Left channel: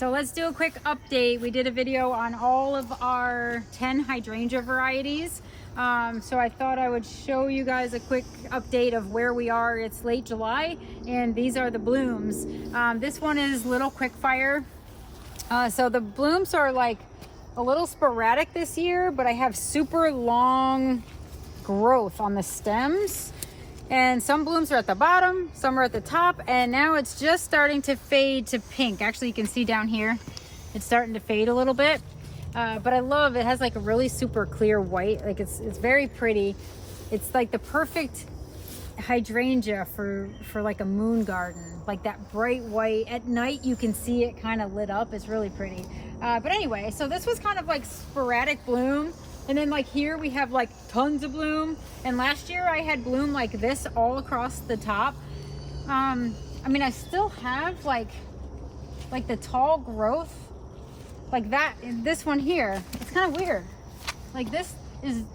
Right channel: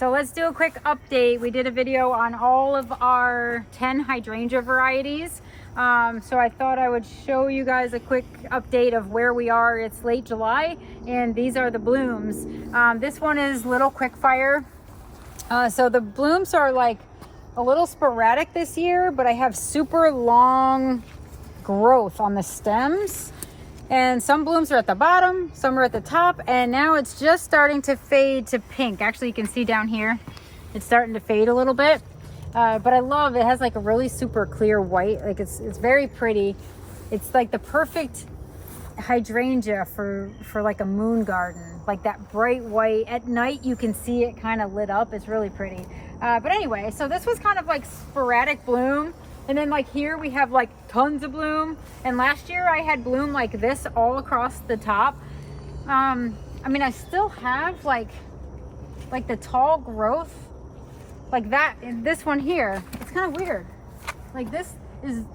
So let's do a quick update. We did a video on all of our 10 hydrangea varieties. So I thought I would show you guys a quick update of where we are. It's late July and these are the blooms. This one is Little Quickfire. So the blooms are like a little sporadic this year, but I have super long growth on the stems. And some blooms are at the bottom, some are at the top, and now it's just starting to fade to pink. Actually, you can see down here, it's starting to fade a little bit. But I love it. It has like a really super clear white. Like it's very pretty. It's like the perfect hydrangea for like a moon garden. Like that bright white. At night, you can see it kind of lit up. It's really pretty. But anyway, so this was kind of like sporadic bloom. And then like here we have like tons of bloom. And last year I had bloom like this all across the top. I mean, I still have like the tall growth like that in this one here. It's kind of weird. Like this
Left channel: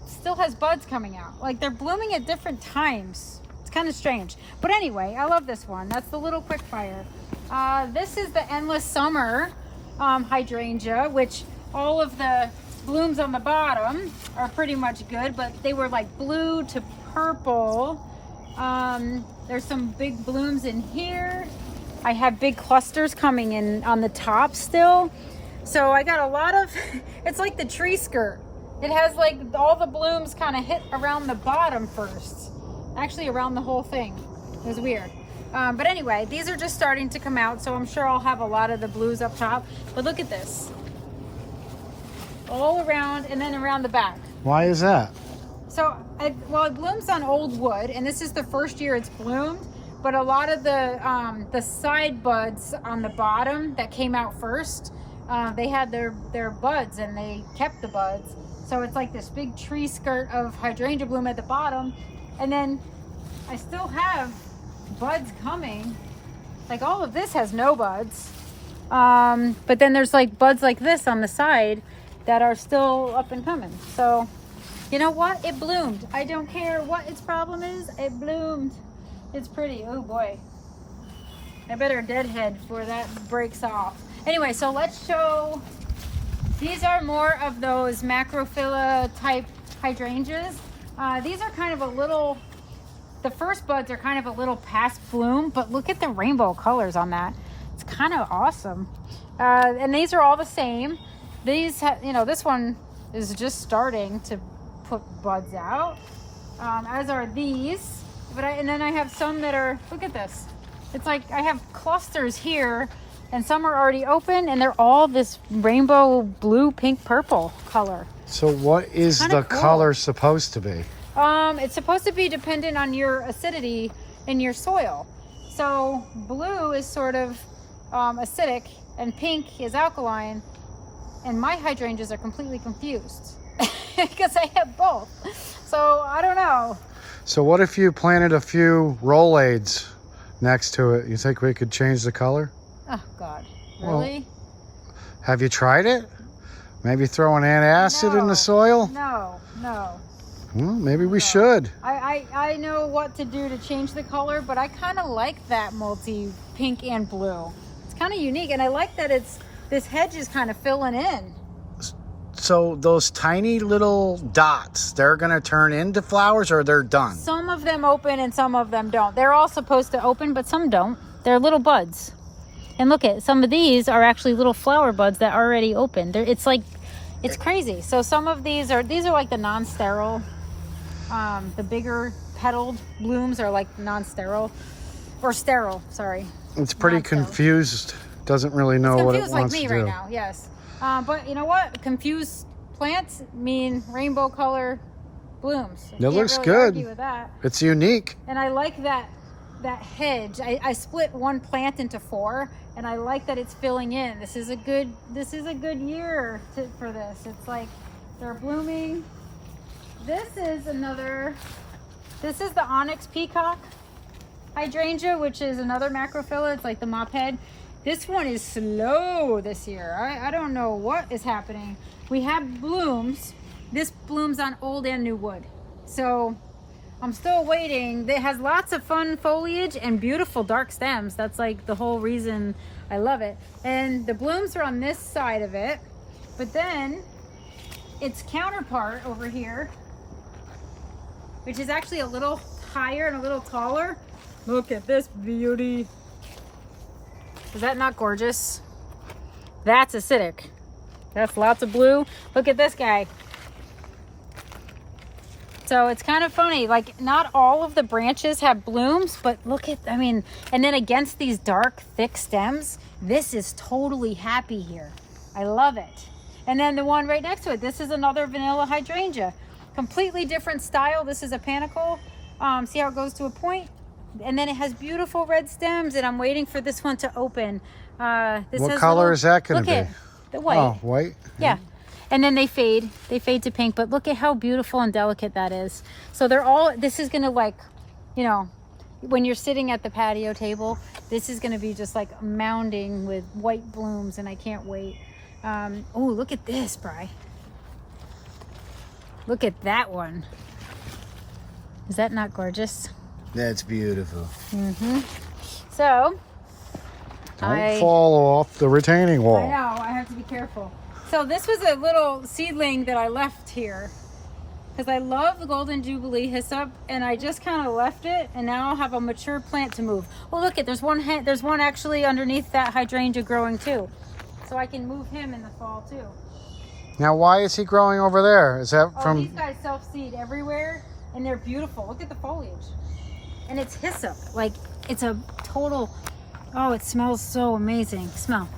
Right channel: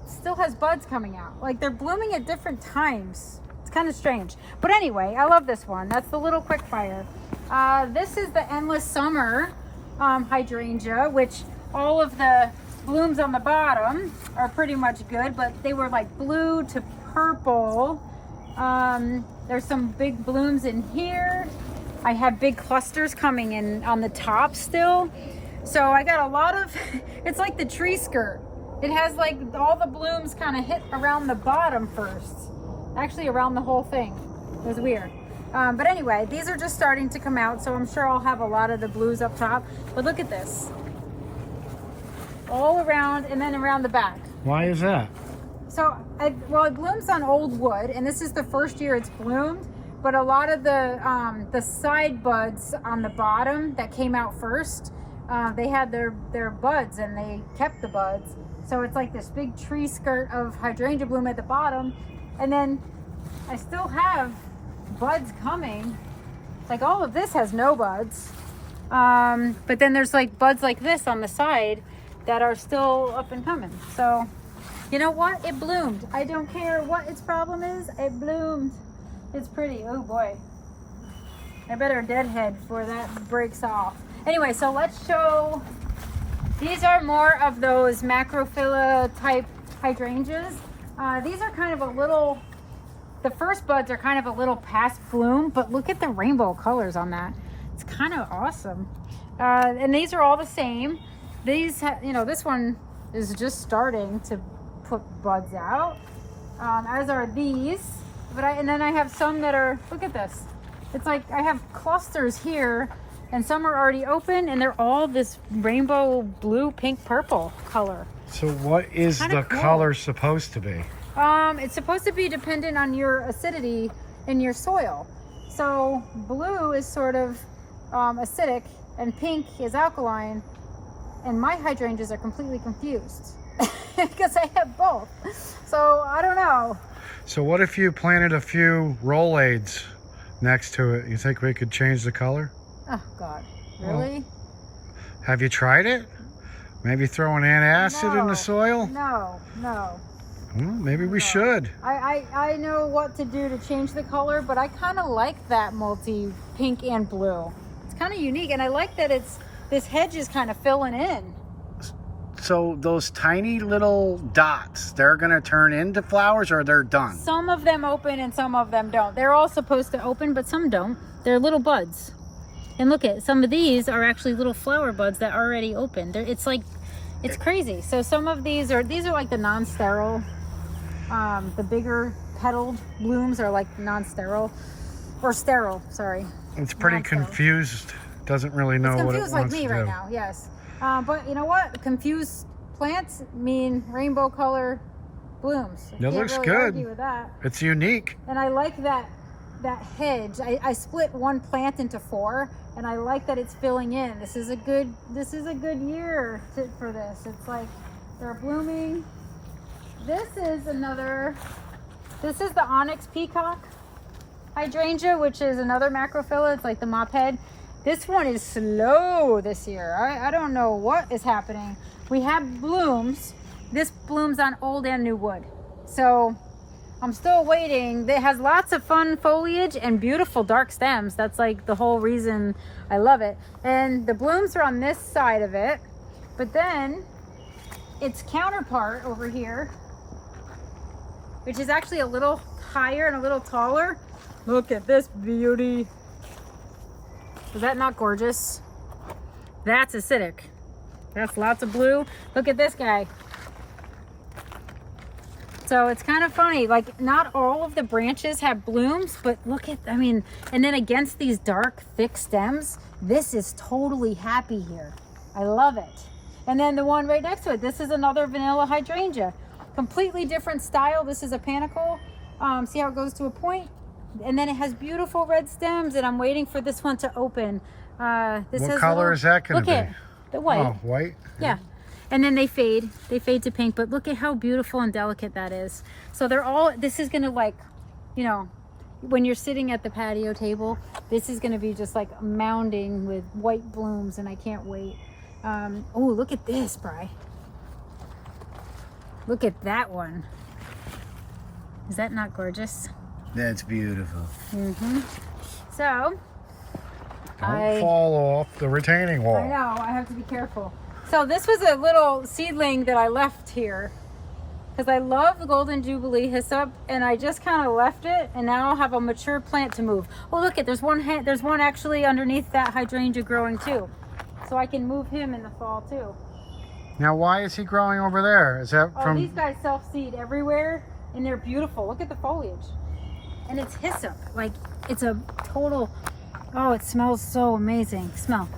still has buds coming out. Like they're blooming at different times. It's kind of strange. But anyway, I love this one. That's the Little Quickfire. This is the Endless Summer hydrangea, which all of the blooms on the bottom are pretty much good, but they were like blue to purple. There's some big blooms in here. I have big clusters coming in on the top still. So I got a lot of, it's like the tree skirt. It has like all the blooms kind of hit around the bottom first. Actually around the whole thing. It was weird. But anyway, these are just starting to come out, so I'm sure I'll have a lot of the blues up top. But look at this. All around and then around the back. Why is that? So, well, it blooms on old wood, and this is the first year it's bloomed. But a lot of the side buds on the bottom that came out first, they had their buds and they kept the buds. So it's like this big tree skirt of hydrangea bloom at the bottom, and then I still have buds coming. Like all of this has no buds, but then there's like buds like this on the side that are still up and coming. So you know what, it bloomed. I don't care what its problem is, it bloomed. It's pretty. Oh boy, I better deadhead before that breaks off. Anyway, so let's show, these are more of those macrophylla type hydrangeas. These are kind of a little, the first buds are kind of a little past bloom, but look at the rainbow colors on that. It's kind of awesome. And these are all the same. These, you know, this one is just starting to put buds out, as are these. But and then I have some that are, look at this. It's like I have clusters here, and some are already open, and they're all this rainbow blue, pink, purple color. So what is the color supposed to be? It's supposed to be dependent on your acidity in your soil. So blue is sort of acidic, and pink is alkaline. And my hydrangeas are completely confused because I have both. So I don't know. So what if you planted a few Rolaids next to it? You think we could change the color? Oh God, really? Well, have you tried it? Maybe throw an antacid in the soil? No. Maybe we should. I know what to do to change the color, but I kind of like that multi pink and blue. It's kind of unique, and I like that this hedge is kind of filling in. So those tiny little dots, they're gonna turn into flowers, or they're done? Some of them open and some of them don't. They're all supposed to open, but some don't. They're little buds. And look at, some of these are actually little flower buds that already opened. It's like, it's crazy. So some of these are like the non-sterile. The bigger petaled blooms are like non-sterile, or sterile, sorry. It's pretty confused. Doesn't really know what it wants to do. It's confused like me right now, yes. But you know what? Confused plants mean rainbow color blooms. It looks good. Argue with that. It's unique. And I like that hedge. I split one plant into 4, and I like that it's filling in. This is a good year for this. It's like they're blooming. This is the Onyx Peacock hydrangea, which is another macrophylla. It's like the mop head. This one is slow this year. I don't know what is happening. We have blooms. This blooms on old and new wood. So I'm still waiting. It has lots of fun foliage and beautiful dark stems. That's like the whole reason I love it. And the blooms are on this side of it, but then its counterpart over here, which is actually a little higher and a little taller. Look at this beauty. Is that not gorgeous? That's acidic. That's lots of blue. Look at this guy. So it's kind of funny, like not all of the branches have blooms, but look at, I mean, and then against these dark, thick stems, this is totally happy here. I love it. And then the one right next to it, this is another vanilla hydrangea. Completely different style. This is a panicle. See how it goes to a point? And then it has beautiful red stems, and I'm waiting for this one to open. What color is that going to be? Look at the white. Oh, white? Yeah. And then they fade to pink, but look at how beautiful and delicate that is. So they're all, this is gonna, like, you know, when you're sitting at the patio table, this is gonna be just like mounding with white blooms, and I can't wait. Oh, look at this, Bri. Look at that one. Is that not gorgeous? That's beautiful. Mm-hmm. So, don't fall off the retaining wall. I know, I have to be careful. So this was a little seedling that I left here because I love the Golden Jubilee hyssop, and I just kind of left it, and now I'll have a mature plant to move. Oh, look it, there's one actually underneath that hydrangea growing too. So I can move him in the fall too. Now, why is he growing over there? Is that from... these guys self-seed everywhere, and they're beautiful. Look at the foliage. And it's hyssop. Like, it's a total... Oh, it smells so amazing. Smell.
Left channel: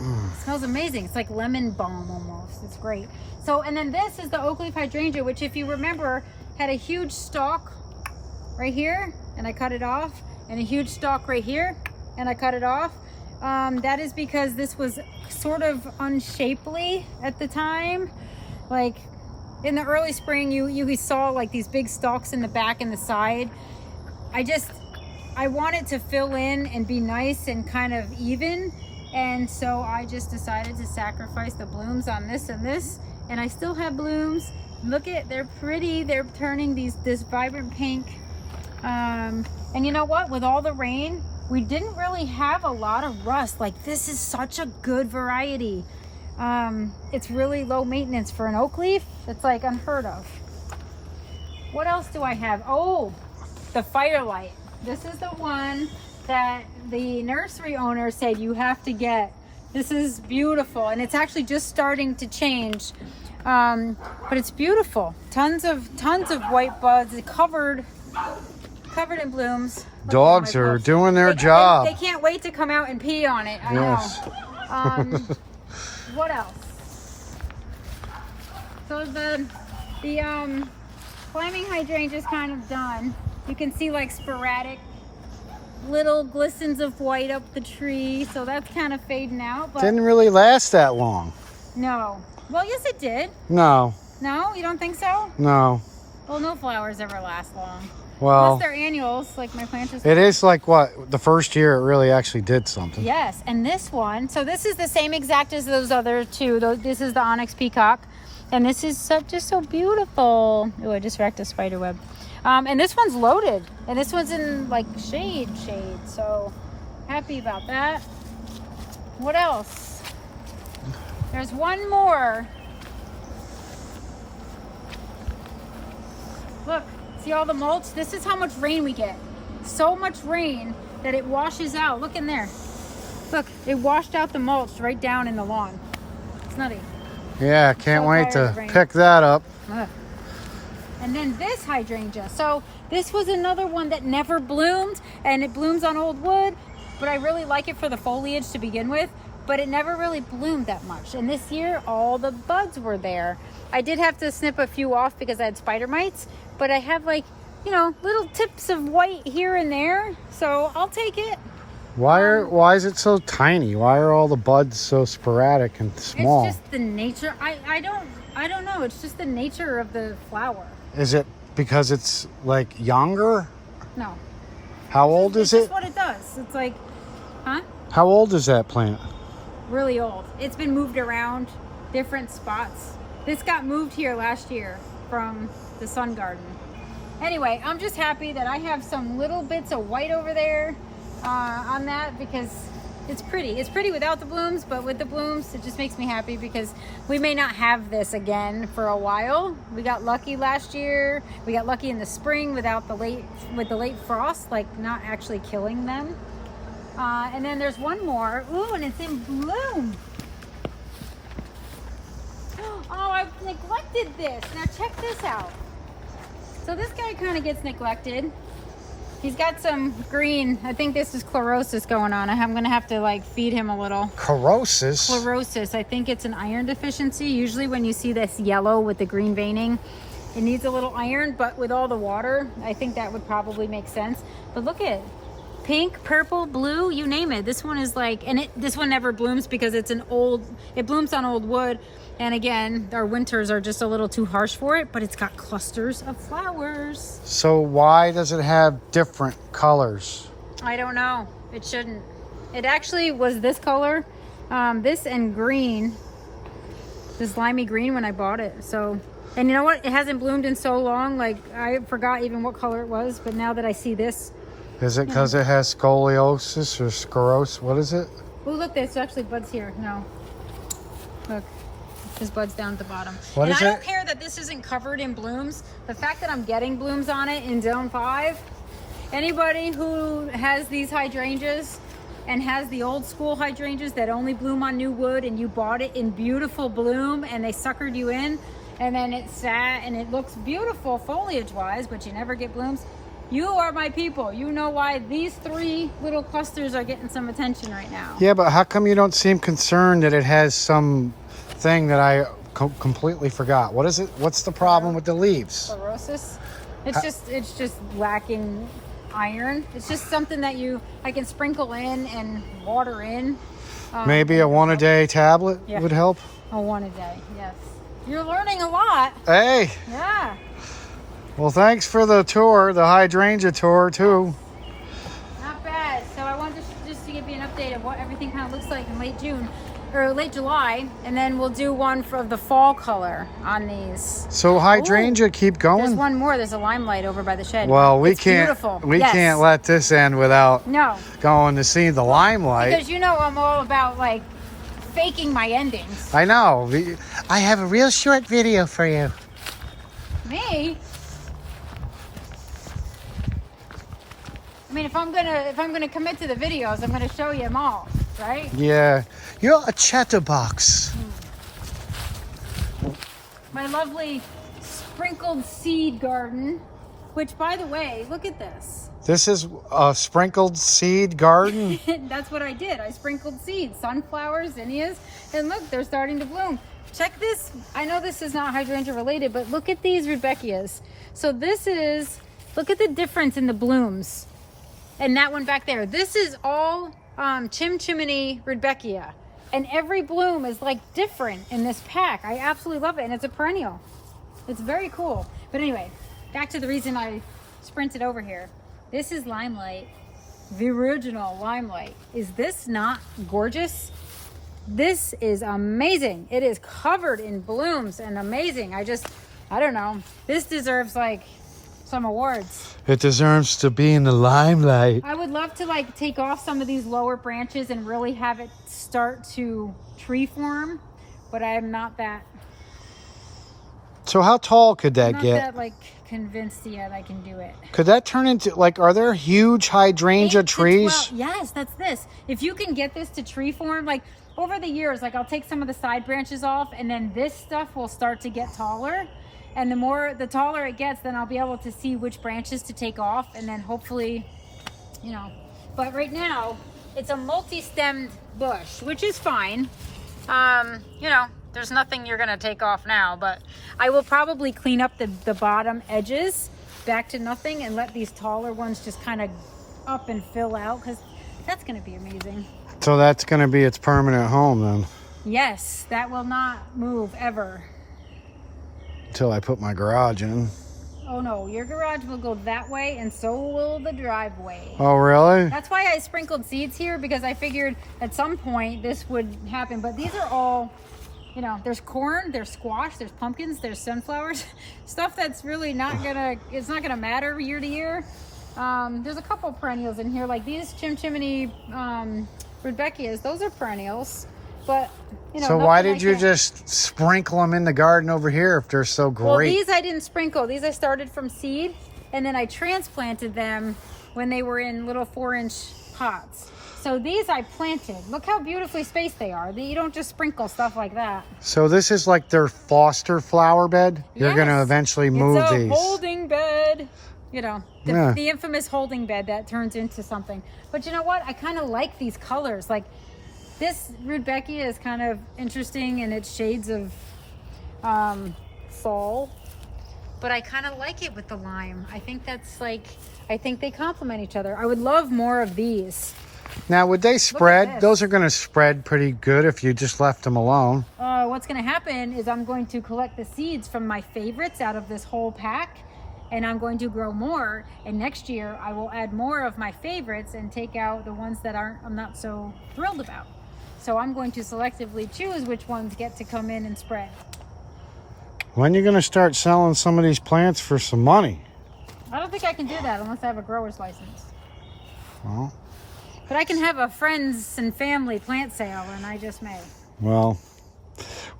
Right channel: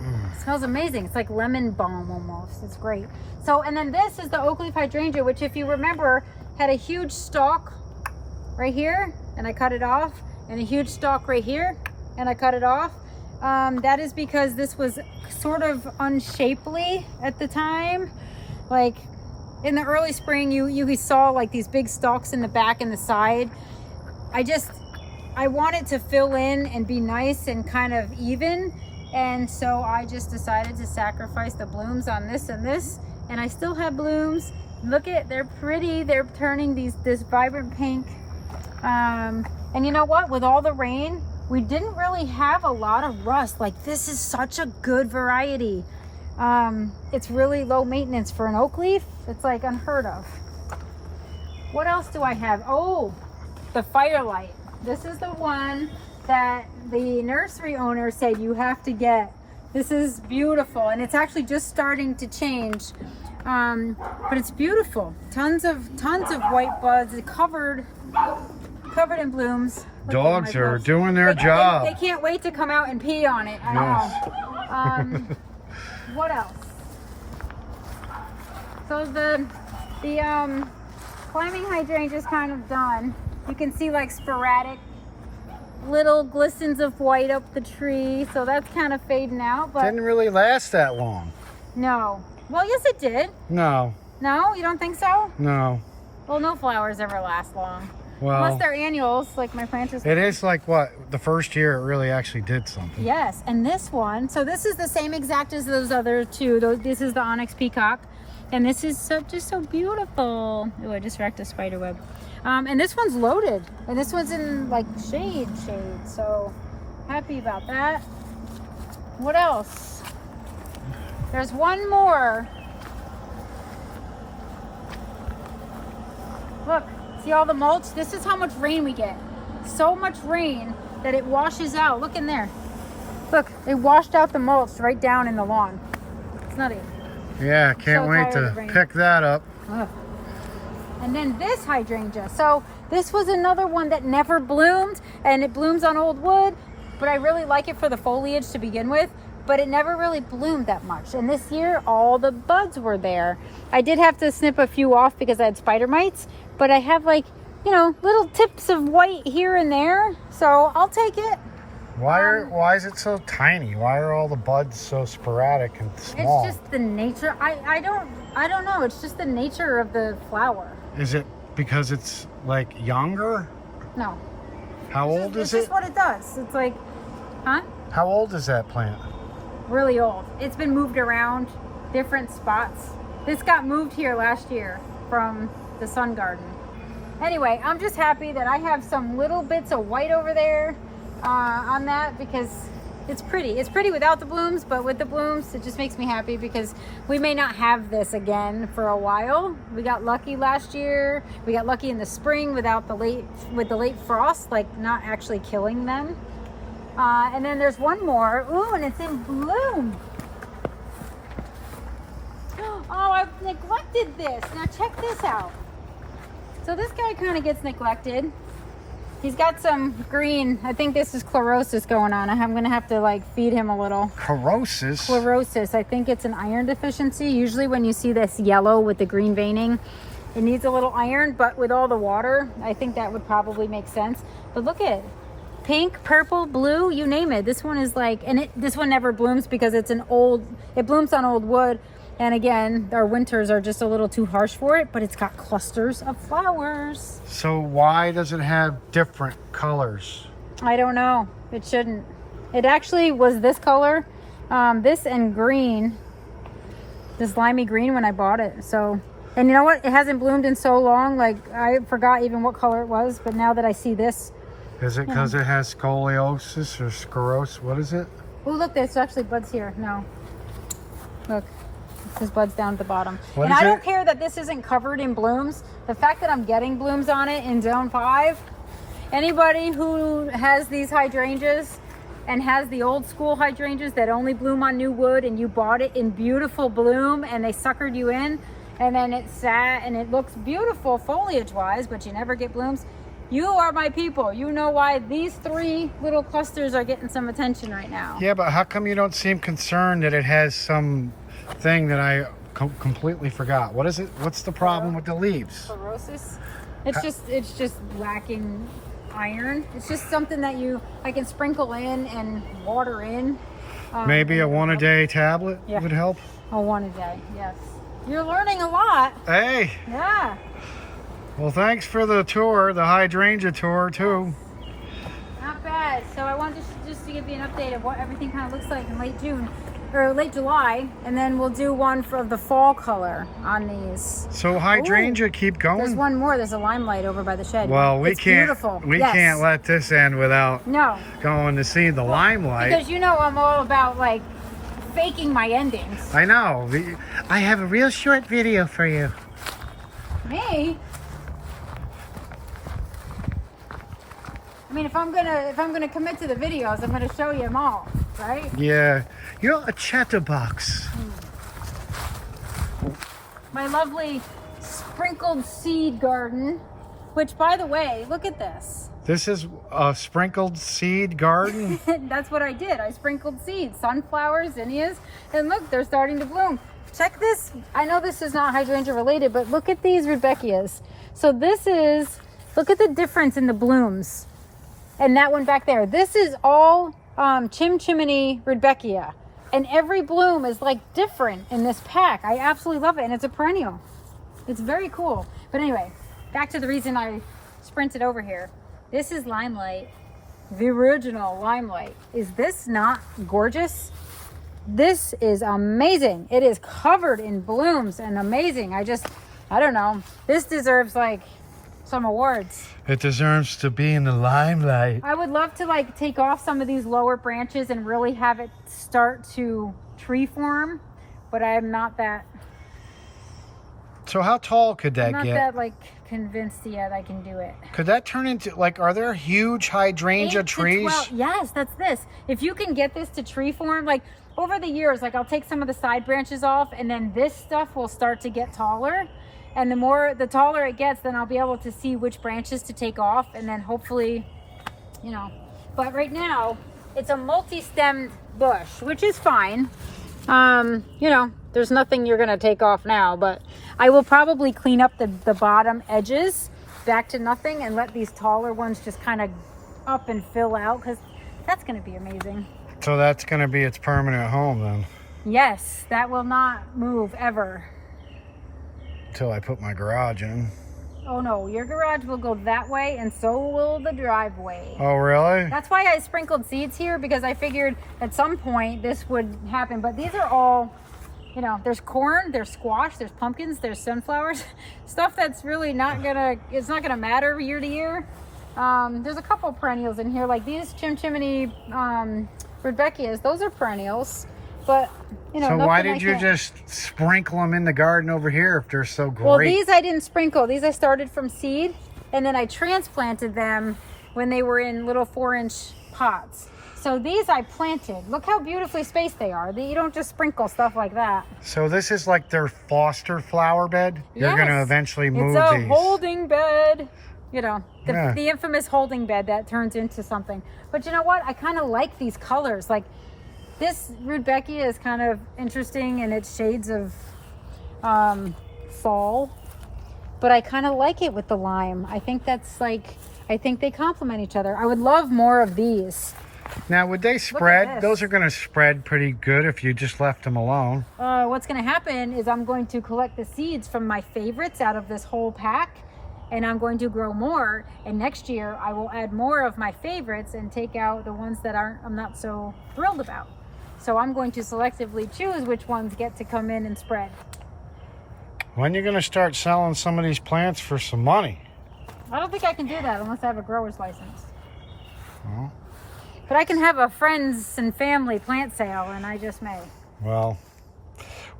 It smells amazing. It's like lemon balm almost. It's great. So, and then this is the Oakleaf hydrangea, which, if you remember, had a huge stalk right here, and I cut it off, and a huge stalk right here, and I cut it off. That is because this was sort of unshapely at the time. Like in the early spring, you saw like these big stalks in the back and the side. I wanted to fill in and be nice and kind of even. And so I just decided to sacrifice the blooms on this and this, and I still have blooms. Look at, they're pretty. They're turning this vibrant pink. And you know what? With all the rain, we didn't really have a lot of rust. Like, this is such a good variety. It's really low maintenance for an oak leaf. It's like unheard of. What else do I have? Oh, the Firelight. This is the one that the nursery owner said you have to get. This is beautiful, and it's actually just starting to change, but it's beautiful. Tons of white buds, covered in blooms. Dogs are doing their job. They can't wait to come out and pee on it. I know. What else? So the climbing hydrangea is kind of done. You can see like sporadic little glistens of white up the tree, so that's kind of fading out. But didn't really last that long. No. Well, yes, it did. No. No, you don't think so? No. Well, no flowers ever last long. Well, unless they're annuals, like my plant is. It is like what the first year it really actually did something. Yes, and this one. So this is the same exact as those other two. This is the Onyx Peacock, and this is just so beautiful. Oh, I just wrecked a spider web. And this one's loaded, and this one's in like shade. So happy about that. What else? There's one more. Look, see all the mulch? This is how much rain we get. So much rain that it washes out. Look in there. Look, it washed out the mulch right down in the lawn. It's nutty. Yeah, can't wait to pick that up. Ugh. And then this hydrangea. So this was another one that never bloomed, and it blooms on old wood, but I really like it for the foliage to begin with, but it never really bloomed that much. And this year, all the buds were there. I did have to snip a few off because I had spider mites, but I have like, you know, little tips of white here and there, so I'll take it. Why is it so tiny? Why are all the buds so sporadic and small? It's just the nature. I don't know. It's just the nature of the flower. Is it because it's like younger? No. How old is it? It's just what it does. It's like, huh? How old is that plant? Really old. It's been moved around different spots. This got moved here last year from the sun garden. Anyway, I'm just happy that I have some little bits of white over there. on that because it's pretty. It's pretty without the blooms, but with the blooms, it just makes me happy because we may not have this again for a while. We got lucky last year. We got lucky in the spring without the late frost, like not actually killing them. And then there's one more. Ooh, and it's in bloom. Oh, I've neglected this. Now check this out. So this guy kind of gets neglected. He's got some green. I think this is chlorosis going on. I'm going to have to like feed him a little. Chlorosis? Chlorosis. I think it's an iron deficiency. Usually when you see this yellow with the green veining, it needs a little iron, but with all the water, I think that would probably make sense. But look at it. Pink, purple, blue, you name it. This one is like, and this one never blooms because it blooms on old wood. And again, our winters are just a little too harsh for it, but it's got clusters of flowers. So why does it have different colors? I don't know. It shouldn't. It actually was this color, this and green, this limey green when I bought it. So, and you know what? It hasn't bloomed in so long. Like I forgot even what color it was, but now that I see this. Is it because it has scoliosis or sclerosis? What is it? Oh, look, there's actually buds here. No. Look. His buds down at the bottom. What and is I don't it? care that this isn't covered in blooms. The fact that I'm getting blooms on it in zone 5, anybody who has these hydrangeas and has the old school hydrangeas that only bloom on new wood and you bought it in beautiful bloom and they suckered you in and then it sat and it looks beautiful foliage wise, but you never get blooms. You are my people. You know why these 3 little clusters are getting some attention right now. Yeah, but how come you don't seem concerned that it has some thing that I completely forgot? What is it? What's the problem with the leaves? Chlorosis. It's just lacking iron. It's just something that I can sprinkle in and water in. Maybe a 1-a-day tablet would help. A 1 a day, yes. You're learning a lot. Hey. Yeah. Well, thanks for the tour, the hydrangea tour too. Not bad. So I wanted just to give you an update of what everything kind of looks like in late June. Or late July, and then we'll do one for the fall color on these. So hydrangea, keep going. There's one more. There's a limelight over by the shed. Well, It's beautiful. We can't let this end without going to see the limelight. Because you know I'm all about like faking my endings. I know. I have a real short video for you. Me? I mean, if I'm gonna commit to the videos, I'm gonna show you them all, right? Yeah. You're a chatterbox. My lovely sprinkled seed garden, which by the way, look at this. This is a sprinkled seed garden? That's what I did. I sprinkled seeds, sunflowers, zinnias, and look, they're starting to bloom. Check this. I know this is not hydrangea related, but look at these Rudbeckias. So look at the difference in the blooms. And that one back there. This is all Chiminee Rudbeckia. And every bloom is like different in this pack. I absolutely love it. And it's a perennial. It's very cool. But anyway, back to the reason I sprinted over here. This is Limelight, the original Limelight. Is this not gorgeous? This is amazing. It is covered in blooms and amazing. I don't know. This deserves like some awards. It deserves to be in the limelight. I would love to like take off some of these lower branches and really have it start to tree form, but I am not that. So how tall could that I'm get? not that like convinced yet I can do it. Could that turn into like, are there huge hydrangea 8 to trees? 12. Yes, that's this. If you can get this to tree form, like over the years, like I'll take some of the side branches off and then this stuff will start to get taller. And the taller it gets, then I'll be able to see which branches to take off and then hopefully, you know. But right now, it's a multi-stemmed bush, which is fine. You know, there's nothing you're gonna take off now, but I will probably clean up the bottom edges back to nothing and let these taller ones just kind of up and fill out because that's gonna be amazing. So that's gonna be its permanent home then? Yes, that will not move ever. Until I put my garage in. Oh no, your garage will go that way and so will the driveway. Oh really? That's why I sprinkled seeds here, because I figured at some point this would happen. But these are all, you know, there's corn, there's squash, there's pumpkins, there's sunflowers. Stuff that's really not gonna, it's not gonna matter year to year. There's a couple perennials in here, like these Chiminee Rudbeckias. Those are perennials, but you know. So why did you just sprinkle them in the garden over here if they're so great? Well, these I didn't sprinkle. These I started from seed, and then I transplanted them when they were in little 4-inch pots. So these I planted. Look how beautifully spaced they are. You don't just sprinkle stuff like that. So this is like their foster flower bed? Yes. You're going to eventually move it's a these. holding bed. You know, the infamous holding bed that turns into something. But you know what? I kind of like these colors. Like this Rudbeckia is kind of interesting in its shades of fall. But I kind of like it with the lime. I think that's like, I think they complement each other. I would love more of these. Now, would they spread? Those are going to spread pretty good if you just left them alone. What's going to happen is I'm going to collect the seeds from my favorites out of this whole pack, and I'm going to grow more. And next year, I will add more of my favorites and take out the ones that I'm not so thrilled about. So I'm going to selectively choose which ones get to come in and spread. When are you going to start selling some of these plants for some money? I don't think I can do that unless I have a grower's license. Well, but I can have a friends and family plant sale, and I just may. Well,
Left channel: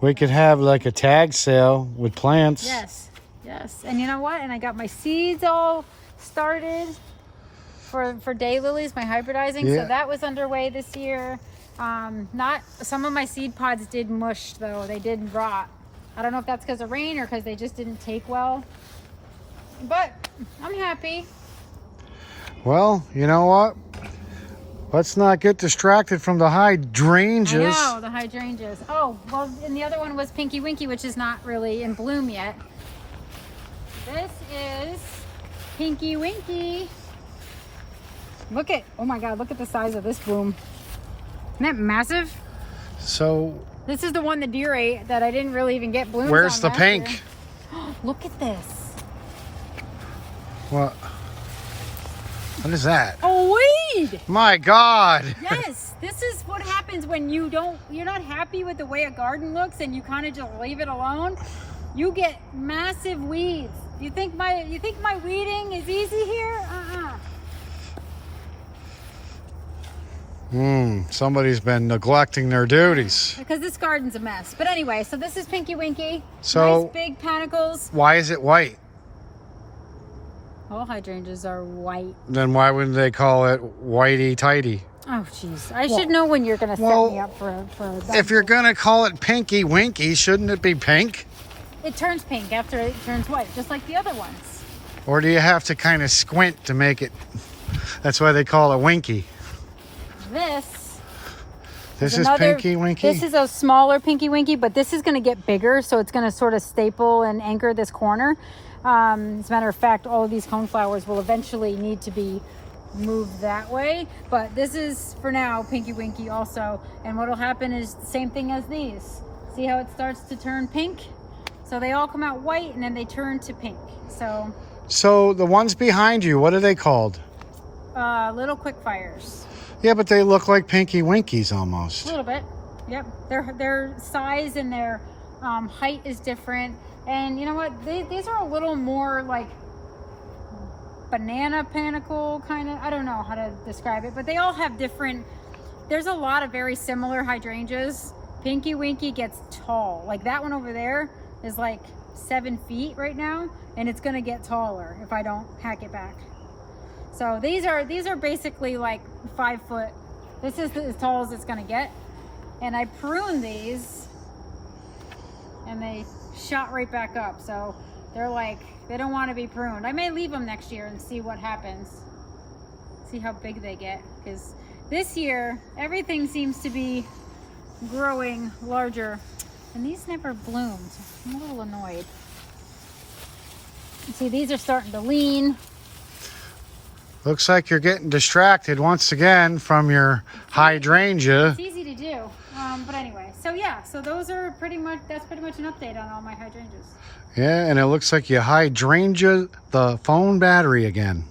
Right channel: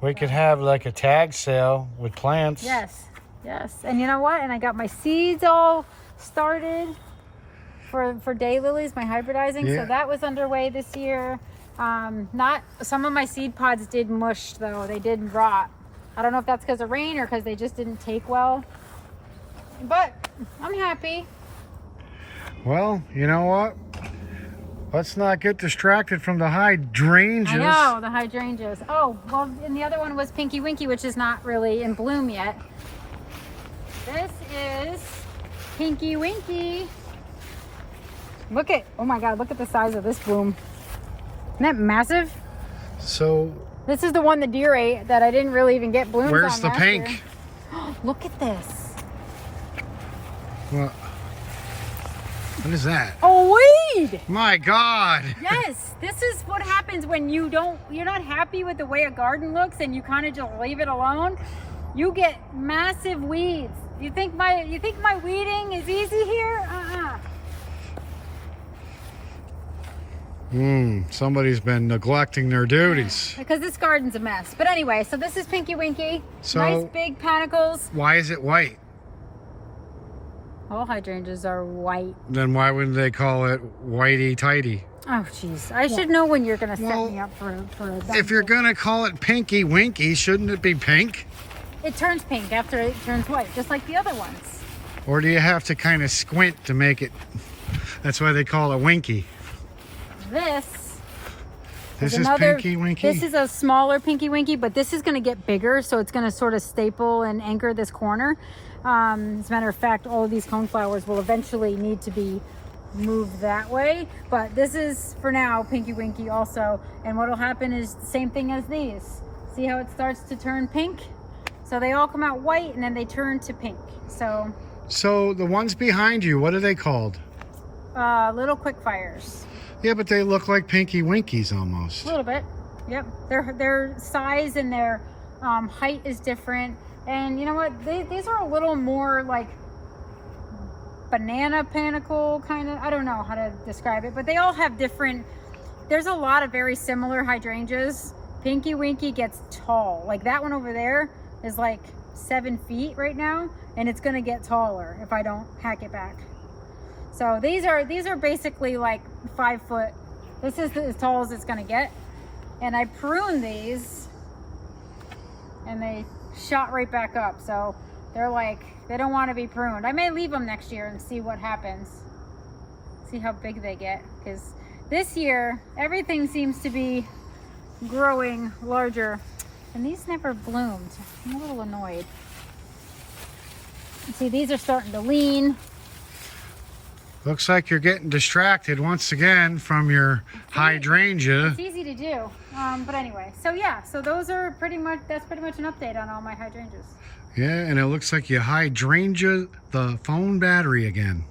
we could have like a tag sale with plants. Yes, yes. And you know what? And I got my seeds all started for daylilies, my hybridizing. Yeah. So that was underway this year. Some of my seed pods did mush though. They did rot. I don't know if that's because of rain or because they just didn't take well. But I'm happy. Well, you know what? Let's not get distracted from the hydrangeas. I know, the hydrangeas. Oh, well, and the other one was Pinky Winky, which is not really in bloom yet. This is Pinky Winky. Look at, oh my God, look at the size of this bloom. Isn't that massive? So this is the one the deer ate that I didn't really even get blooms on where's the last pink? year. Look at this. What is that? A weed! My God! Yes, this is what happens when you're not happy with the way a garden looks and you kind of just leave it alone. You get massive weeds. You think my weeding is easy here? Somebody's been neglecting their duties. Because this garden's a mess. But anyway, so this is Pinky Winky. So nice big panicles. Why is it white? All hydrangeas are white. Then why wouldn't they call it whitey tighty? Oh, jeez. I should know when you're going to set me up for that. If you're going to call it Pinky Winky, shouldn't it be pink? It turns pink after it turns white, just like the other ones. Or do you have to kind of squint to make it? That's why they call it Winky. This is Pinky Winky? This is a smaller Pinky Winky, but this is going to get bigger, so it's going to sort of staple and anchor this corner. As a matter of fact, all of these coneflowers will eventually need to be moved that way. But this is, for now, Pinky Winky also. And what will happen is the same thing as these. See how it starts to turn pink? So they all come out white, and then they turn to pink. So the ones behind you, what are they called? Little Quickfires. Yeah, but they look like Pinky Winkies almost. A little bit. Yep. Their size and their height is different. And you know what? These are a little more like banana panicle kind of. I don't know how to describe it, but they all have different. There's a lot of very similar hydrangeas. Pinky Winky gets tall. Like that one over there is like 7 feet right now, and it's gonna get taller if I don't hack it back. So these are basically like 5 foot. This is as tall as it's gonna get. And I pruned these, and they shot right back up. So they're like, they don't want to be pruned. I may leave them next year and see what happens. See how big they get. Because this year, everything seems to be growing larger. And these never bloomed. I'm a little annoyed. See, these are starting to lean. Looks like you're getting distracted once again from your hydrangea. It's easy to do. But anyway, so yeah, so those are that's pretty much an update on all my hydrangeas. Yeah, and it looks like you hydrangea the phone battery again.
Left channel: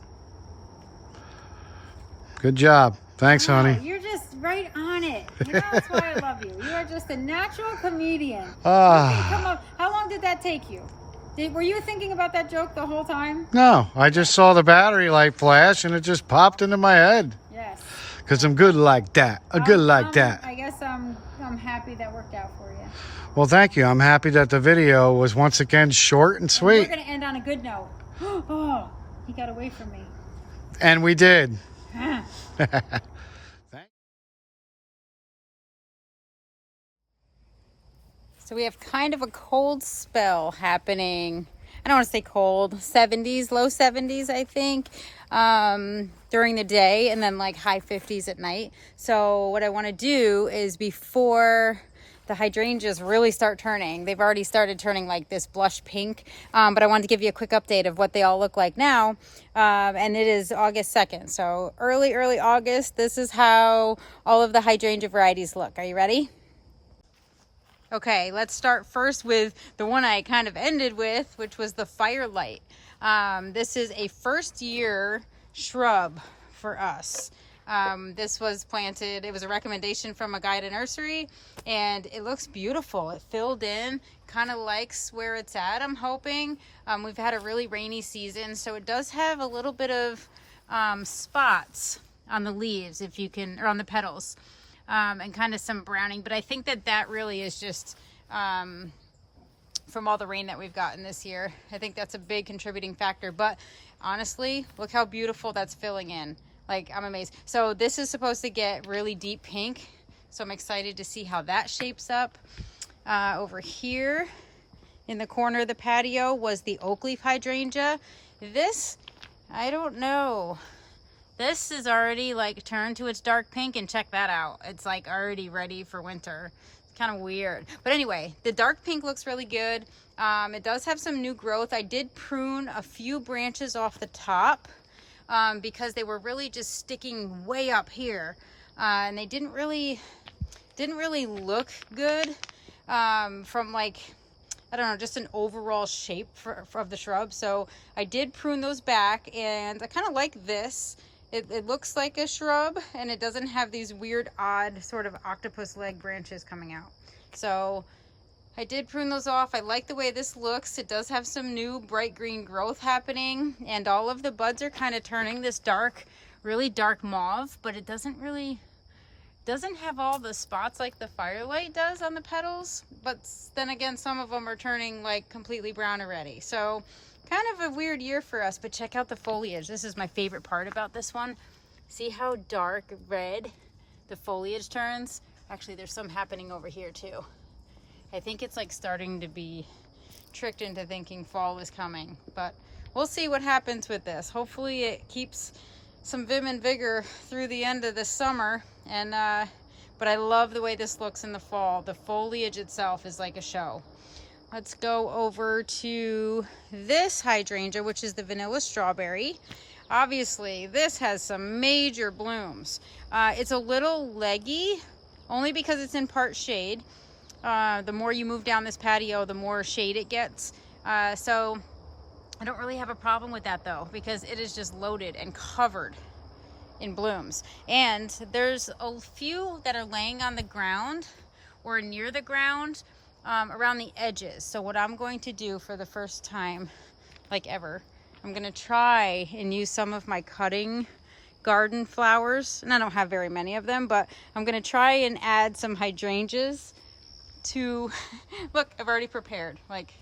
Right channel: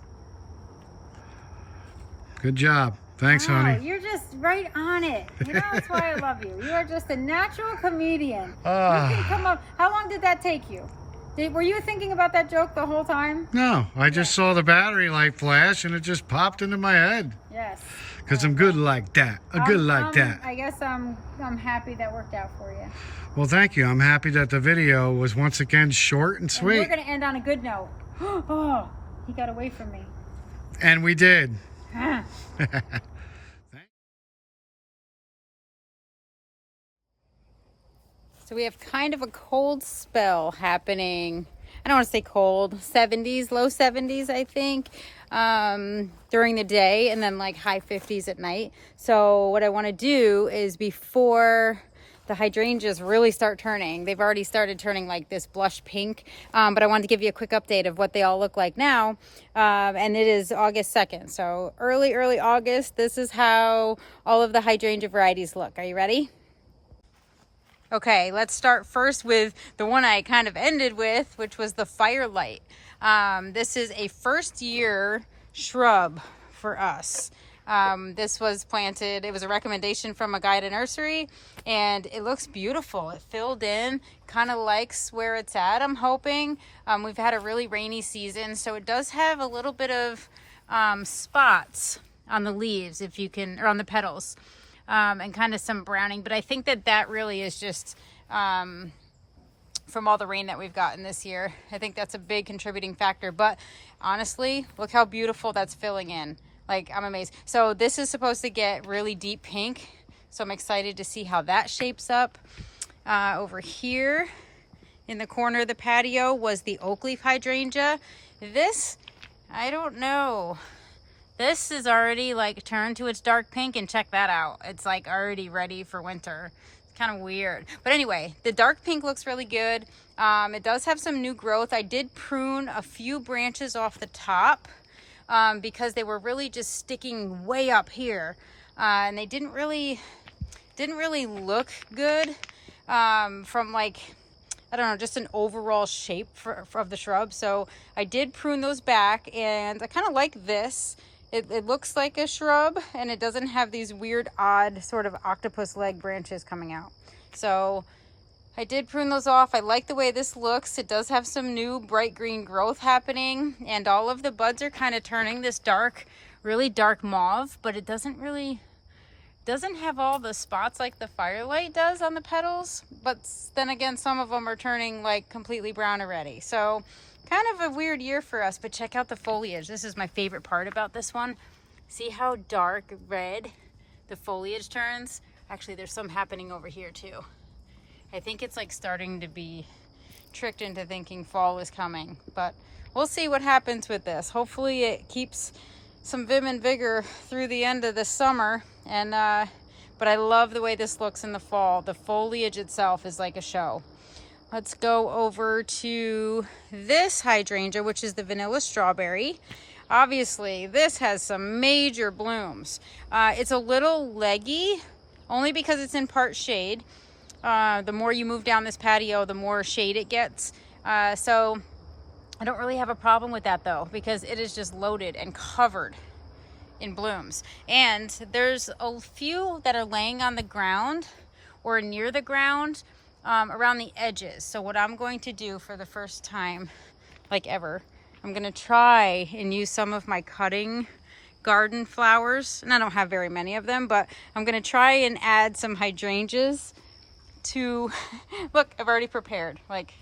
Good job. Thanks, honey. You're just right on it. You know, that's why I love you. You are just a natural comedian. You can come up. How long did that take you? Were you thinking about that joke the whole time? No, I just saw the battery light flash and it just popped into my head. Yes. Because I'm good like that. I'm good like that. I guess I'm happy that worked out for you. Well, thank you. I'm happy that the video was once again short and sweet. And we're going to end on a good note. Oh, he got away from me. And we did. So we have kind of a cold spell happening. I don't want to say cold, 70s, low 70s, I think, during the day, and then like high 50s at night. So what I want to do is, before the hydrangeas really start turning, they've already started turning like this blush pink, but I wanted to give you a quick update of what they all look like now. And it is August 2nd. So early August, this is how all of the hydrangea varieties look. Are you ready? Okay, let's start first with the one I kind of ended with, which was the Firelight. This is a first year shrub for us. This was planted, it was a recommendation from a guy at a nursery, and it looks beautiful. It filled in, kind of likes where it's at, I'm hoping. We've had a really rainy season, so it does have a little bit of spots on the leaves, if you can, or on the petals. And kind of some browning, but I think that really is just from all the rain that we've gotten this year. I think that's a big contributing factor, but honestly, look how beautiful that's filling in. Like, I'm amazed. So this is supposed to get really deep pink, so I'm excited to see how that shapes up. Over here in the corner of the patio was the Oakleaf hydrangea. This, I don't know. This is already like turned to its dark pink, and check that out. It's like already ready for winter. It's kind of weird. But anyway, the dark pink looks really good. It does have some new growth. I did prune a few branches off the top because they were really just sticking way up here. And they didn't really look good from like, I don't know, just an overall shape of the shrub. So I did prune those back, and I kind of like this. It looks like a shrub, and it doesn't have these weird, odd sort of octopus leg branches coming out. So I did prune those off. I like the way this looks. It does have some new bright green growth happening, and all of the buds are kind of turning this dark, really dark mauve, but it doesn't have all the spots like the Firelight does on the petals. But then again, some of them are turning like completely brown already. So kind of a weird year for us, but check out the foliage. This is my favorite part about this one. See how dark red the foliage turns? Actually, there's some happening over here too. I think it's like starting to be tricked into thinking fall is coming, but we'll see what happens with this. Hopefully it keeps some vim and vigor through the end of the summer. And but I love the way this looks in the fall. The foliage itself is like a show. Let's go over to this hydrangea, which is the vanilla strawberry. Obviously, this has some major blooms. It's a little leggy, only because it's in part shade. The more you move down this patio, the more shade it gets. So I don't really have a problem with that though, because it is just loaded and covered in blooms. And there's a few that are laying on the ground or near the ground, around the edges. So what I'm going to do for the first time, like ever, I'm gonna try and use some of my cutting garden flowers, and I don't have very many of them, but I'm gonna try and add some hydrangeas to, look, I've already prepared. Like,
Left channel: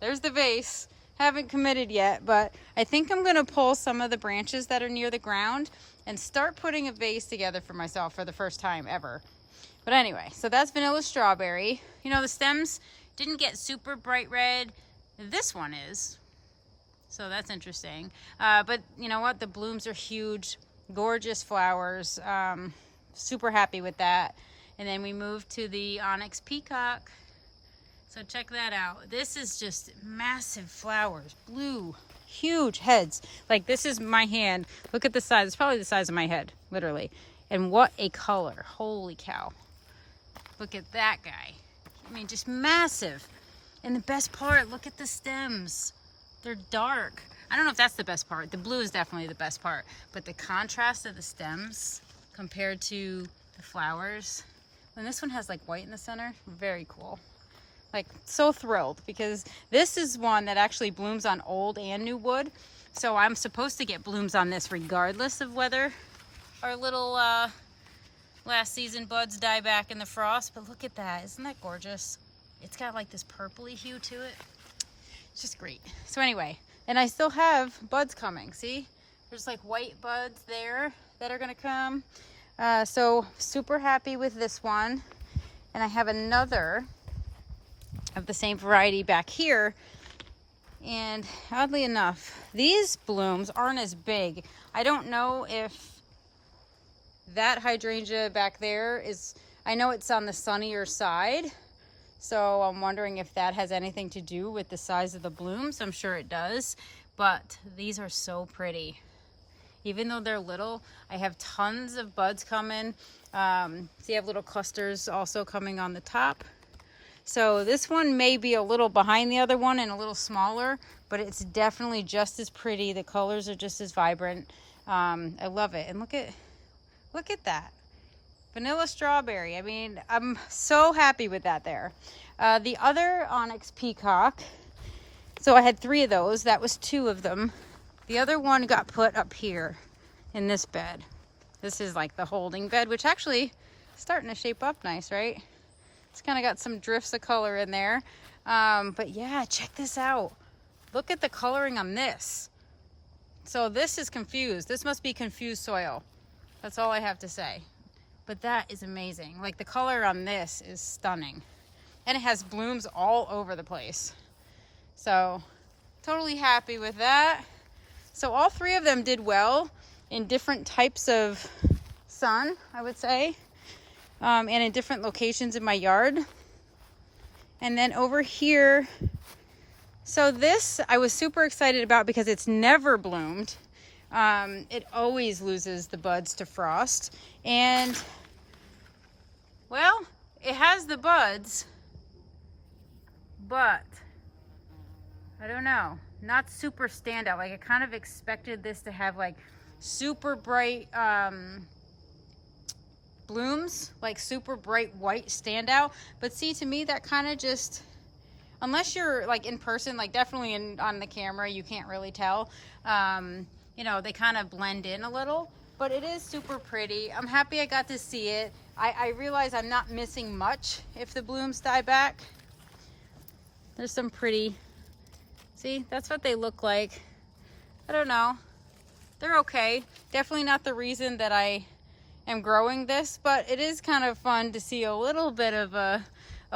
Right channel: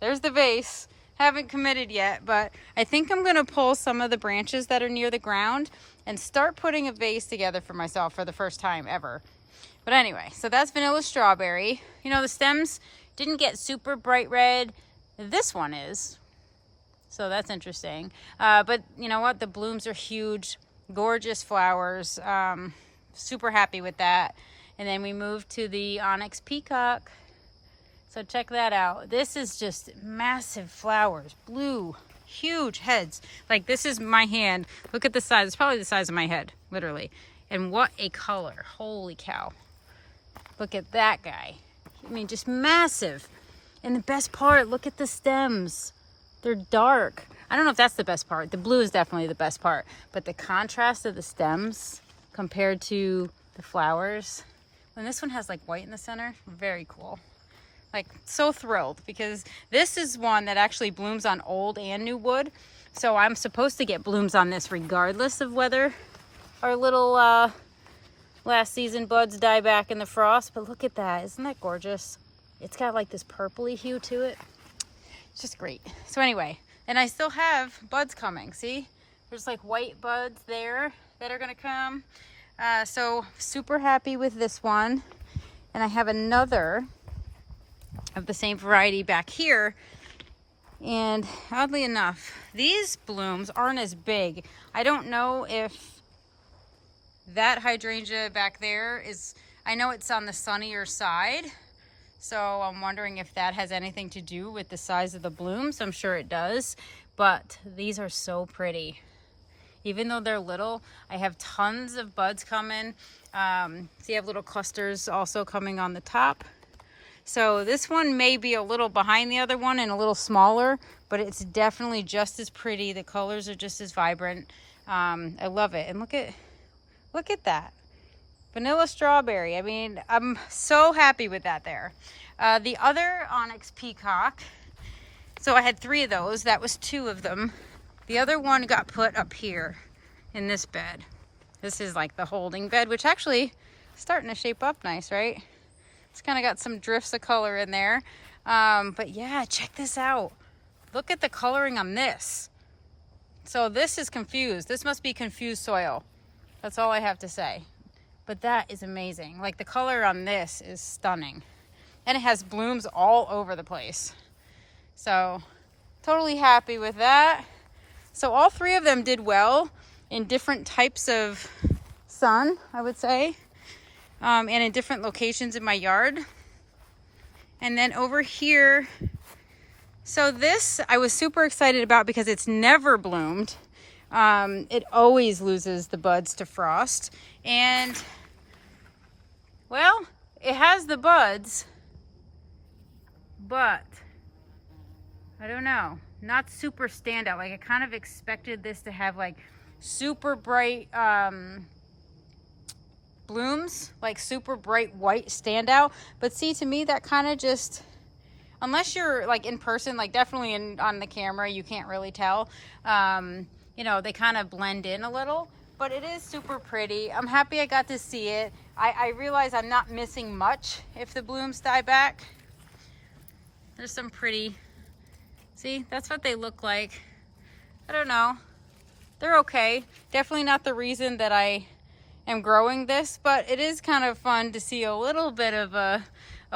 there's the vase. Haven't committed yet, but I think I'm gonna pull some of the branches that are near the ground and start putting a vase together for myself for the first time ever. But anyway, so that's vanilla strawberry. You know, the stems didn't get super bright red. This one is, so that's interesting. But you know what? The blooms are huge, gorgeous flowers. Super happy with that. And then we move to the Onyx Peacock. So check that out. This is just massive flowers, blue, huge heads. Like, this is my hand. Look at the size. It's probably the size of my head, literally. And what a color. Holy cow. Look at that guy. I mean, just massive. And the best part, look at the stems. They're dark. I don't know if that's the best part. The blue is definitely the best part. But the contrast of the stems compared to the flowers. And this one has like white in the center. Very cool. Like, so thrilled, because this is one that actually blooms on old and new wood. So I'm supposed to get blooms on this regardless of whether our little last season buds die back in the frost. But look at that. Isn't that gorgeous? It's got like this purpley hue to it. It's just great. So anyway, and I still have buds coming. See? There's like white buds there that are going to come. So super happy with this one. And I have another of the same variety back here, and oddly enough, these blooms aren't as big. I don't know if that hydrangea back there is, I know it's on the sunnier side, so I'm wondering if that has anything to do with the size of the blooms. I'm sure it does, but these are so pretty. Even though they're little, I have tons of buds coming. See, I have little clusters also coming on the top. So this one may be a little behind the other one and a little smaller, but it's definitely just as pretty. The colors are just as vibrant. I love it. And look at that. Vanilla strawberry. I mean, I'm so happy with that there. The other Onyx Peacock, so I had 3 of those. That was 2 of them. The other one got put up here in this bed. This is like the holding bed, which actually is starting to shape up nice, right? It's kind of got some drifts of color in there. But yeah, check this out. Look at the coloring on this. So this is confused. This must be confused soil. That's all I have to say. But that is amazing. Like, the color on this is stunning. And it has blooms all over the place. So totally happy with that. So all 3 of them did well in different types of sun, I would say. And in different locations in my yard. And then over here, so this I was super excited about because it's never bloomed. It always loses the buds to frost. And, well, it has the buds, but I don't know, not super standout. Like, I kind of expected this to have like super bright blooms, like super bright white standout. But see, to me, that kind of just, unless you're like in person, like definitely on the camera, you can't really tell. You know, they kind of blend in a little, but it is super pretty. I'm happy I got to see it. I realize I'm not missing much if the blooms die back. There's some pretty, see, that's what they look like. I don't know. They're okay. Definitely not the reason that I am growing this, but it is kind of fun to see a little bit of a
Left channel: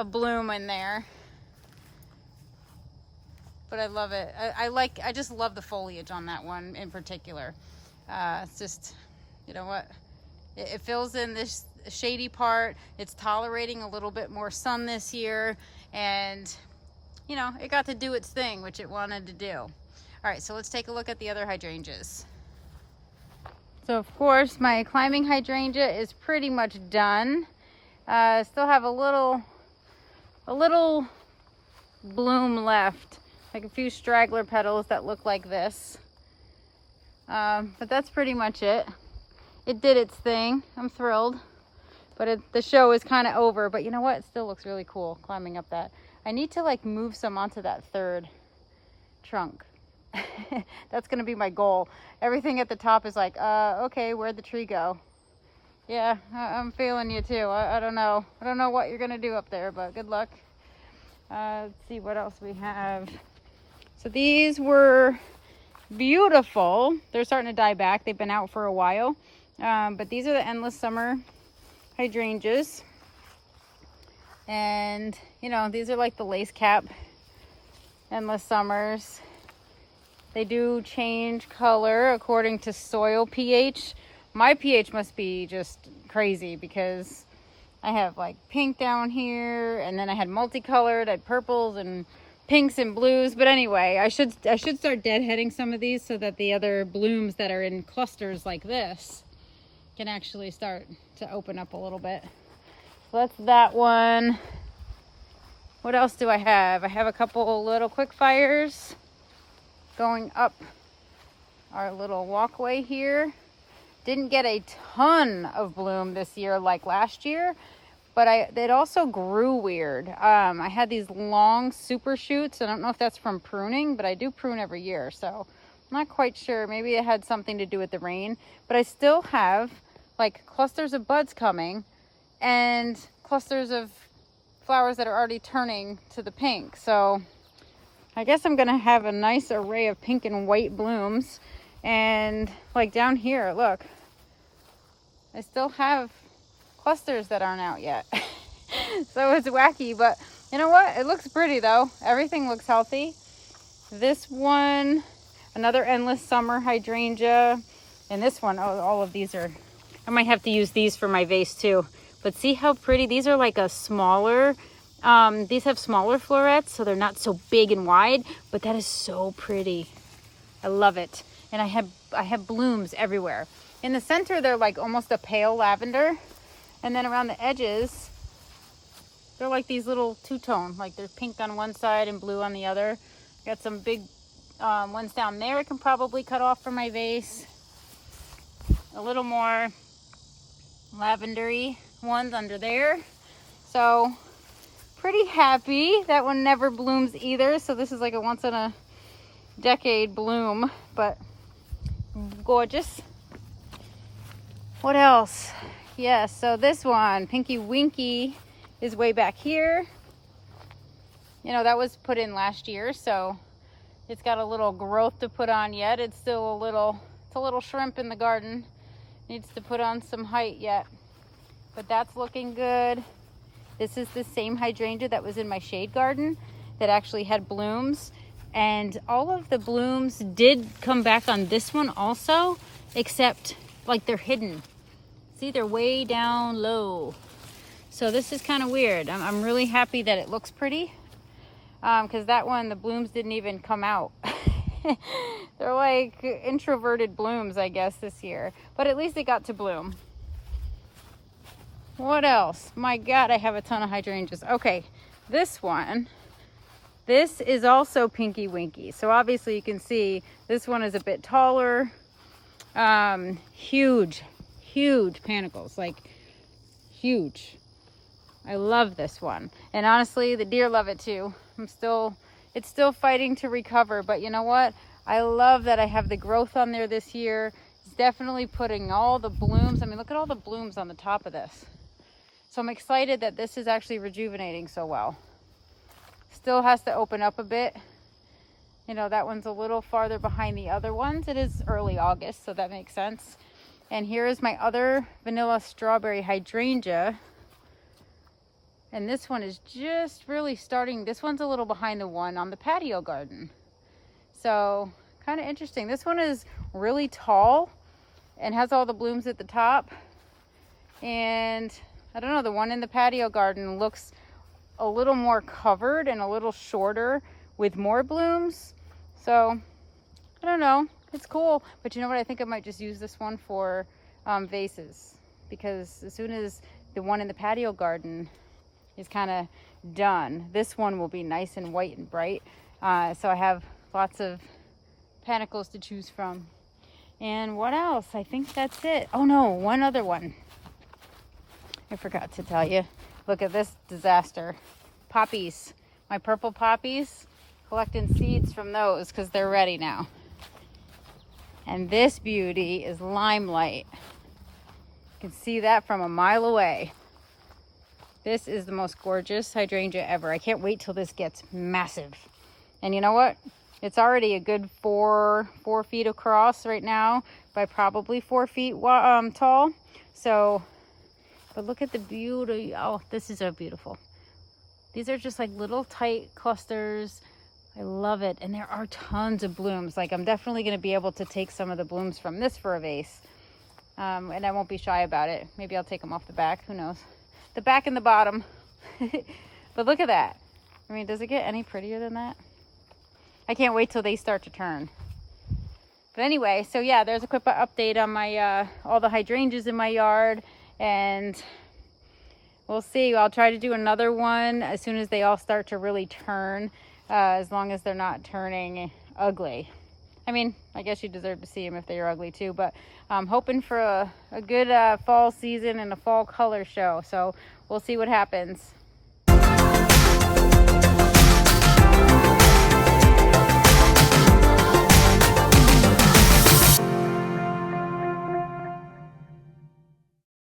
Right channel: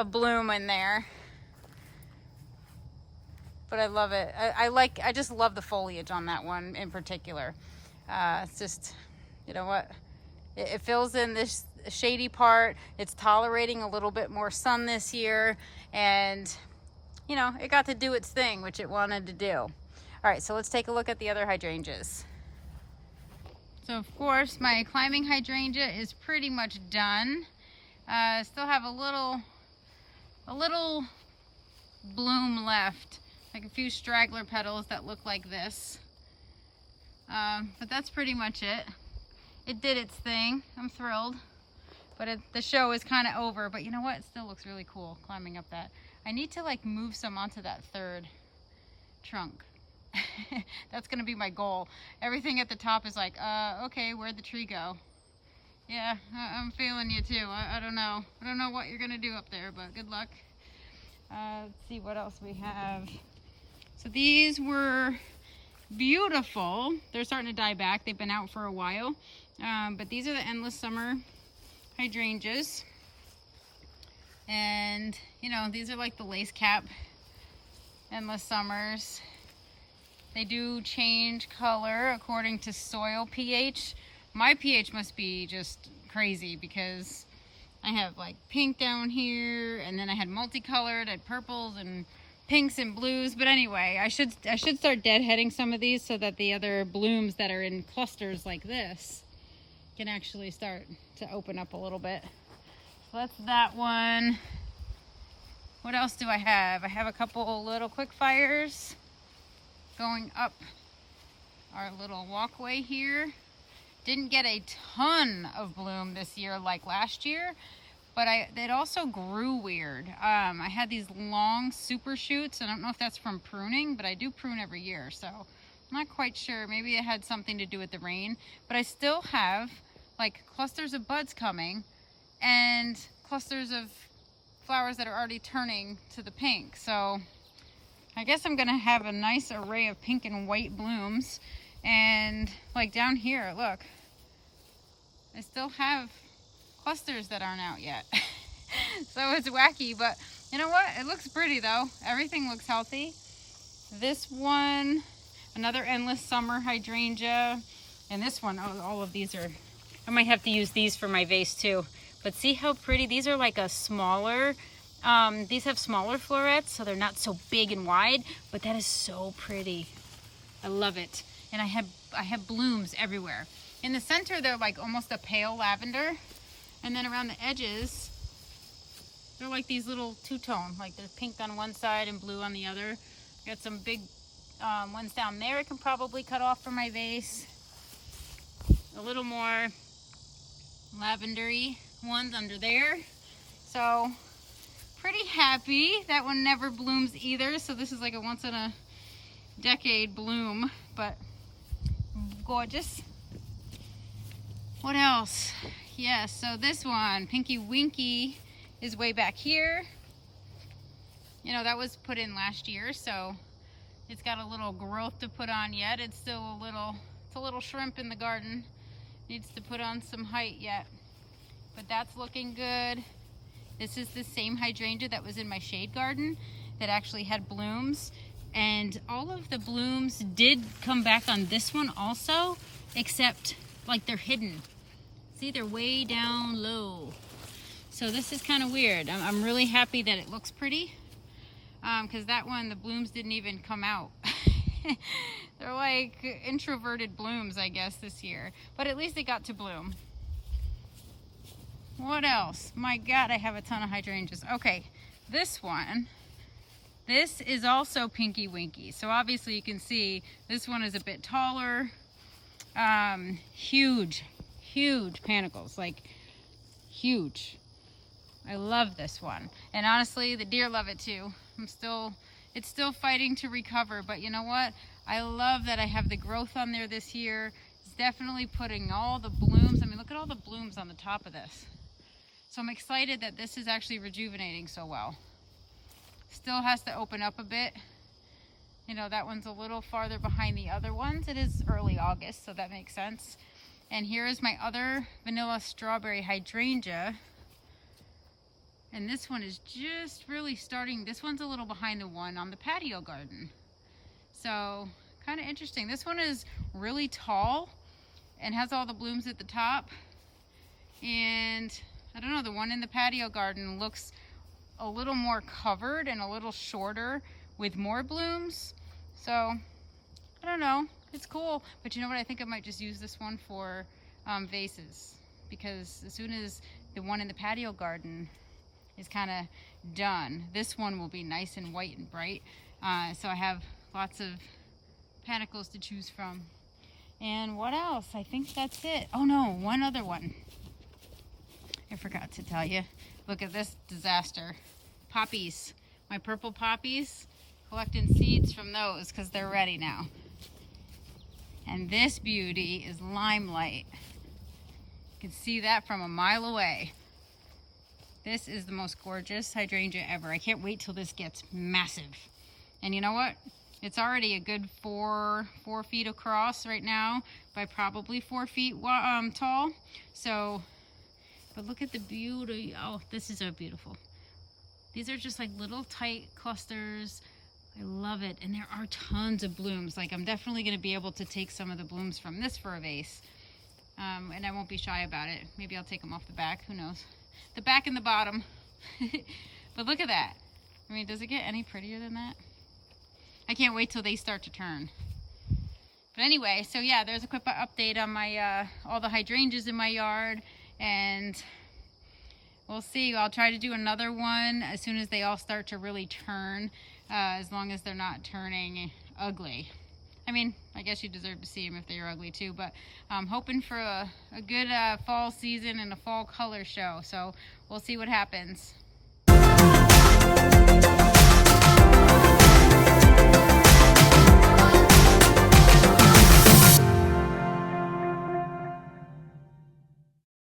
bloom in there. But I love it. I just love the foliage on that one in particular. It's just, you know what? It fills in this shady part. It's tolerating a little bit more sun this year, and you know, it got to do its thing, which it wanted to do. All right, so let's take a look at the other hydrangeas. So of course, my climbing hydrangea is pretty much done. Still have a little bloom left, like a few straggler petals that look like this. But that's pretty much it. It did its thing. I'm thrilled. But the show is kind of over. But you know what? It still looks really cool climbing up that. I need to like move some onto that 3rd trunk. That's gonna be my goal. Everything at the top is like, okay, where'd the tree go? Yeah, I'm feeling you too. I don't know. I don't know what you're gonna do up there, but good luck. Let's see what else we have. So these were beautiful. They're starting to die back. They've been out for a while. But these are the endless summer hydrangeas. And, you know, these are like the lace cap endless summers. They do change color according to soil pH. My pH must be just crazy because I have like pink down here, and then I had multicolored, I had purples and pinks and blues. But anyway, I should start deadheading some of these so that the other blooms that are in clusters like this can actually start to open up a little bit. So that's that one. What else do I have? I have a couple little quick fires going up our little walkway here. Didn't get a ton of bloom this year like last year, but it also grew weird. I had these long super shoots. I don't know if that's from pruning, but I do prune every year, so I'm not quite sure. Maybe it had something to do with the rain, but I still have like clusters of buds coming and clusters of flowers that are already turning to the pink. So I guess I'm gonna have a nice array of pink and white blooms. And like down here, look, I still have clusters that aren't out yet. So it's wacky, but you know what? It looks pretty though. Everything looks healthy. This one, another endless summer hydrangea. And this one, oh, all of these are, I might have to use these for my vase too. But see how pretty, these are like a smaller, these have smaller florets, so they're not so big and wide, but that is so pretty. I love it. And I have blooms everywhere. In the center, they're like almost a pale lavender. And then around the edges, they're like these little two-tone, like there's pink on one side and blue on the other. Got some big ones down there I can probably cut off for my vase. A little more lavendery ones under there. So pretty happy. That one never blooms either, so this is like a once in a decade bloom, but gorgeous. What else? Yeah, so this one, Pinky Winky, is way back here. You know, that was put in last year, so it's got a little growth to put on yet. It's still it's a little shrimp in the garden. Needs to put on some height yet, but that's looking good. This is the same hydrangea that was in my shade garden that actually had blooms, and all of the blooms did come back on this one also, except like they're hidden. See, they're way down low. So this is kind of weird. I'm really happy that it looks pretty, because that one, the blooms didn't even come out. They're like introverted blooms, I guess, this year, but at least it got to bloom. What else? My God, I have a ton of hydrangeas. Okay, this one, this is also Pinky Winky. So obviously you can see this one is a bit taller. Huge panicles, like huge. I love this one, and honestly the deer love it too. It's still fighting to recover, but you know what, I love that I have the growth on there this year. It's definitely putting all the blooms, I mean, look at all the blooms on the top of this. So I'm excited that this is actually rejuvenating so well. Still has to open up a bit. You know, that one's a little farther behind the other ones. It is early August, so that makes sense. And here is my other vanilla strawberry hydrangea. And this one is just really starting. This one's a little behind the one on the patio garden. So kind of interesting. This one is really tall and has all the blooms at the top. And I don't know, the one in the patio garden looks a little more covered and a little shorter with more blooms. So I don't know, it's cool. But you know what, I think I might just use this one for vases, because as soon as the one in the patio garden is kind of done, this one will be nice and white and bright. So I have lots of panicles to choose from. And what else? I think that's it. Oh no, one other one. I forgot to tell you. Look at this disaster. Poppies. My purple poppies. Collecting seeds from those because they're ready now. And this beauty is Limelight. You can see that from a mile away. This is the most gorgeous hydrangea ever. I can't wait till this gets massive. And you know what? It's already a good four feet across right now by probably 4 feet tall. So, but look at the beauty. Oh, this is so beautiful. These are just like little tight clusters. I love it. And there are tons of blooms. Like, I'm definitely going to be able to take some of the blooms from this for a vase. And I won't be shy about it. Maybe I'll take them off the back. Who knows? The back and the bottom. But look at that. I mean, does it get any prettier than that? I can't wait till they start to turn. But anyway, so yeah, there's a quick update on my all the hydrangeas in my yard, and we'll see. I'll try to do another one as soon as they all start to really turn, as long as they're not turning ugly. I mean, I guess you deserve to see them if they're ugly too, but I'm hoping for a good fall season and a fall color show. So we'll see what happens.